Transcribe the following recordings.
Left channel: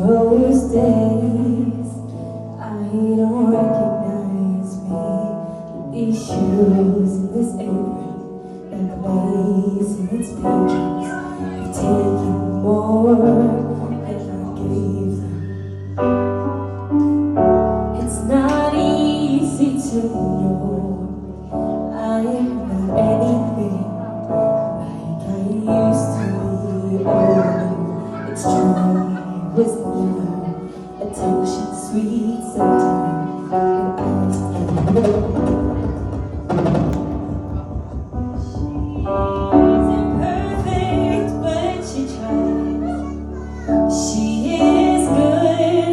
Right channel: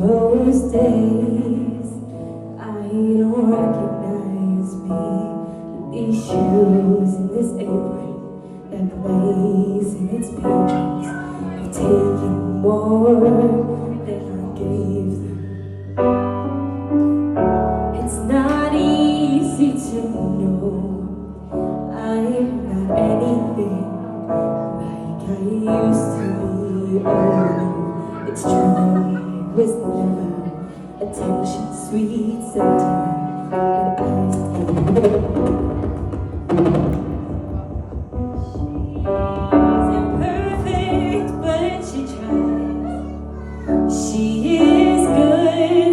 Most days I don't recognize me. These shoes and this apron and the lace and its pages have taken more than I gave them. It's not easy to know I'm not anything like I used to be. Oh, it's true. With more attention, sweet center, she's imperfect, but she tries. She is good,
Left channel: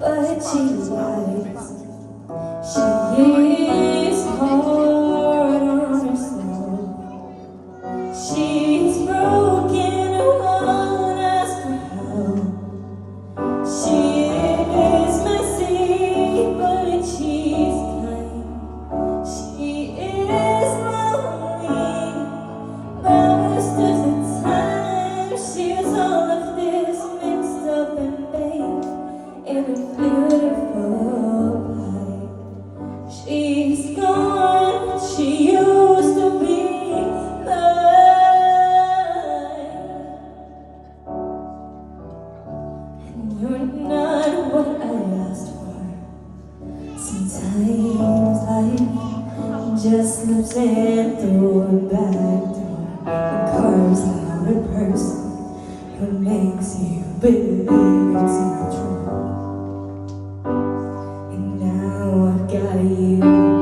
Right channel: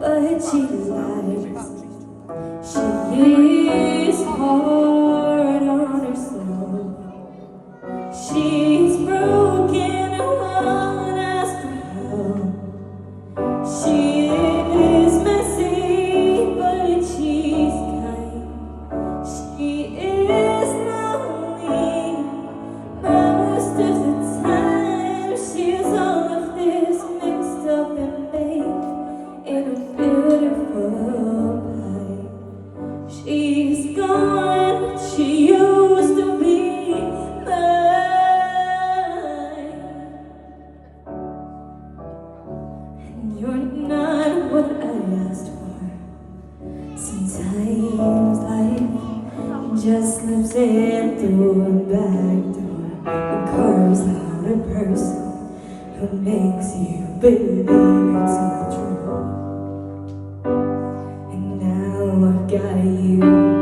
but she lies. She is hard on herself. She's broken, won't ask for help. She is messy, but she's kind. She is lonely most of the time. She is all of this mixed up and baked in a beautiful light. She's gone, she used to be mine. You're not what I asked for. Sometimes life just slips in through a back door and carves out a person who makes you believe it's not true. And now I've got you.